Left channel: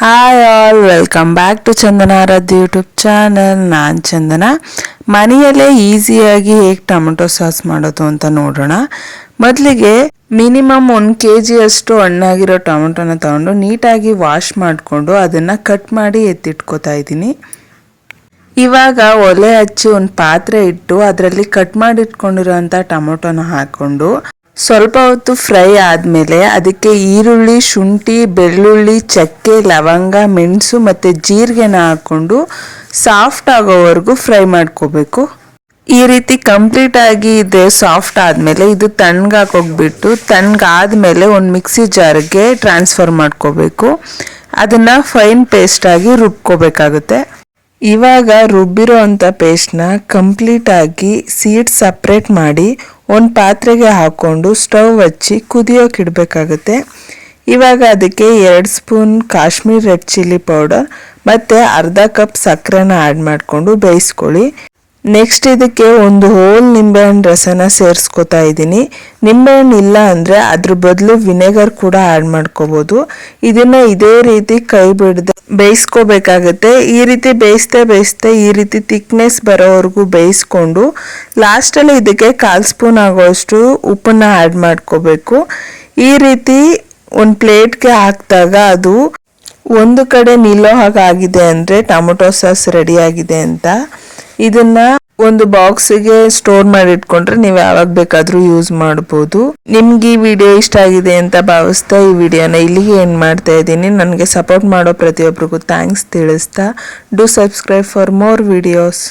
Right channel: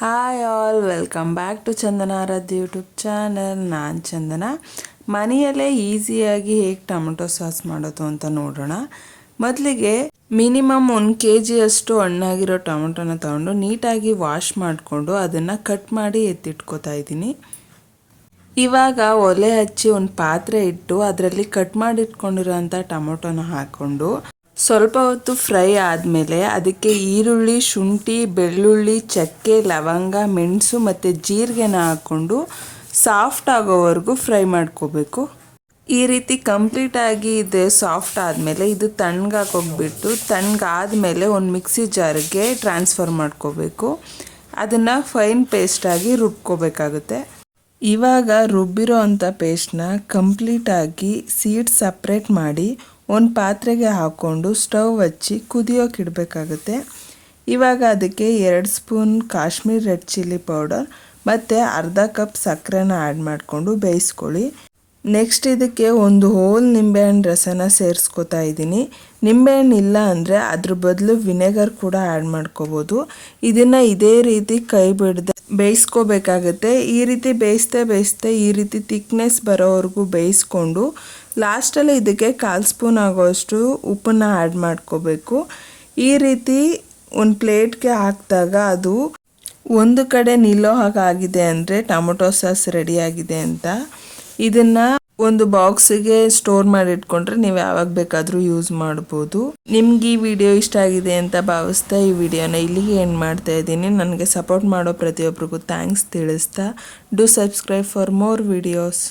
Hi all, welcome back to Chandana Aradhya YouTube channel. ನಾನು ಚಂದನ. ಮನೆಯಲ್ಲೇ ಈಸಿಯಾಗಿ ಹೇಗೆ ಟೊಮೆಟೊ ಸಾಸ್ ಮಾಡೋದು ಅಂತ ನೋಡೋಣ. ಮೊದಲಿಗೆ ಮಿನಿಮಮ್ 1 kg ಅಷ್ಟು ಹಣ್ಣಾಗಿರೋ ಟೊಮೆಟೊನ ತಗೊಂಡು ನೀಟಾಗಿ ವಾಶ್ ಮಾಡಿಕೊಂಡು ಅದನ್ನು ಕಟ್ ಮಾಡಿ ಎತ್ತಿಟ್ಕೋತಾ ಇದ್ದೀನಿ. ಇವಾಗ ಒಲೆ ಹಚ್ಚಿ ಒಂದು ಪಾತ್ರೆ ಇಟ್ಟು ಅದರಲ್ಲಿ ಕಟ್ ಮಾಡಿ ಇಟ್ಕೊಂಡಿರೋಂಥ ಟೊಮೆಟೊನ ಹಾಕ್ಕೊಂಡು ಸ್ವಲ್ಪ ಹೊತ್ತು ಫ್ರೈ ಆದಮೇಲೆ ಅದಕ್ಕೆ ಈರುಳ್ಳಿ, ಶುಂಠಿ, ಬೆಳ್ಳುಳ್ಳಿ, ಚಕ್ಕೆ, ಲವಂಗ, ಮೆಣಸು ಮತ್ತು ಜೀರಿಗೆನ ಹಾಕ್ಕೊಂಡು ಸಾಫ್ಟ್ ಆಗೋವರೆಗೂ ಫ್ರೈ ಮಾಡ್ಕೋಬೇಕು. ಈ ರೀತಿ ಕಂಪ್ಲೀಟಾಗಿ ಇದೆ ಸಾಫ್ಟ್ ಆದಮೇಲೆ ಇದು ತಣ್ಣಗಾಕೋಗ್ಬಿಟ್ಟು ತಣ್ಣಗಾದ್ಮೇಲೆ ಒಂದು ಮಿಕ್ಸಿ ಜಾರ್ಗೆ ಟ್ರಾನ್ಸ್ಫರ್ ಮಾಡ್ಕೋಬೇಕು. ಅದನ್ನು ಫೈನ್ ಪೇಸ್ಟಾಗಿ ರುಬ್ಕೋಬೇಕಾಗುತ್ತೆ. ಇವಾಗ ರುಬ್ಬಿರೋ ಅಂಥ ಪೇಸ್ಟ್ನ ಕಂಪ್ಲೀಟಾಗಿ ಸೀಡ್ ಸಪ್ರೇಟ್ ಮಾಡಿ ಒಂದು ಪಾತ್ರೆಗೆ ಹಾಕ್ಕೊಂಡು ಸ್ಟವ್ ಹಚ್ಚಿ ಕುದಿಯೋಕೆ ಇಡಬೇಕಾಗುತ್ತೆ. ಇವಾಗ ಅದಕ್ಕೆ 2 spoon Kashmir red chilli powder ಮತ್ತು ಅರ್ಧ ಕಪ್ ಸಕ್ಕರೆನ ಆ್ಯಡ್ ಮಾಡಿಕೊಂಡು ಬೇಯಿಸ್ಕೊಳ್ಳಿ. ನೆಕ್ಸ್ಟ್ ಇದಕ್ಕೆ ಒಂದು ಹೋಲ್ ನಿಂಬೆಹಣ್ಣು ರಸನ ಸೇರಿಸ್ಕೊತಾ ಇದ್ದೀನಿ. ನಿಂಬೆಹಣ್ಣು ಇಲ್ಲ ಅಂದರೆ ಅದ್ರ ಬದಲು ವಿನೆಗರ್ ಕೂಡ ಆ್ಯಡ್ ಮಾಡ್ಕೋಬೋದು. ಇದನ್ನು ಇದೇ ರೀತಿ ಕೈ ಬಿಡದೆ ಬೇಯಿಸ್ಕೋಬೇಕಾಗುತ್ತೆ. ಈ ರೀತಿ ಬೇಯಿಸ್ತಾ ಈ ರೀತಿ ಥಿಕ್ನೆಸ್ ಬರೋವರೆಗೂ ಬೇಯಿಸ್ಕೊಂಡು ಲಾಸ್ಟಲ್ಲಿ ಇದಕ್ಕೆ 1/4 ಸ್ಪೂನ್ ಆಗೋಷ್ಟು ಉಪ್ಪನ್ನು ಆ್ಯಡ್ ಮಾಡ್ಕೋಬೇಕು. ಈ ರೀತಿ ಒಂದು ಪ್ಲೇಟ್ಗೆ ಹಾಕಿದಾಗ ಅದು ಒಂದು ಕಡೆ ನಿಲ್ಲೋ ಹಾಗಾಗಿದೆ ಅಂದರೆ ಟೊಮೊಟೊ ಸಾಸ್ ರೆಡಿಯಾಗಿದೆ ಅಂತ. ಇದನ್ನು ಒಂದು ಬಾಕ್ಸಿಗೆ ಸ್ಟೋರ್ ಮಾಡಿ ಇಟ್ಕೊಂಡ್ರೆ ನೀವು ಯಾವಾಗ ಬೇಕಾದರೂ ಯೂಸ್ ಮಾಡ್ಬೋದು. ನಿಮ್ಗೆ ಈ ವಿಡಿಯೋ ಇಷ್ಟ ಆಗಿದೆ ಅಂತ ಭಾವಿಸ್ತಾ ಈ ವಿಡಿಯೋನ ಇಲ್ಲಿಗೆ ಎಂಡ್ ಮಾಡ್ತಾ ಇದ್ದೀನಿ. ನನಗೆ ಸಪೋರ್ಟ್ ಮಾಡೋ ಪ್ರತಿಯೊಬ್ಬರಿಗೂ ಥ್ಯಾಂಕ್ಸ್ ತಿಳಿಸ್ತಾ, do subscribe for more videos.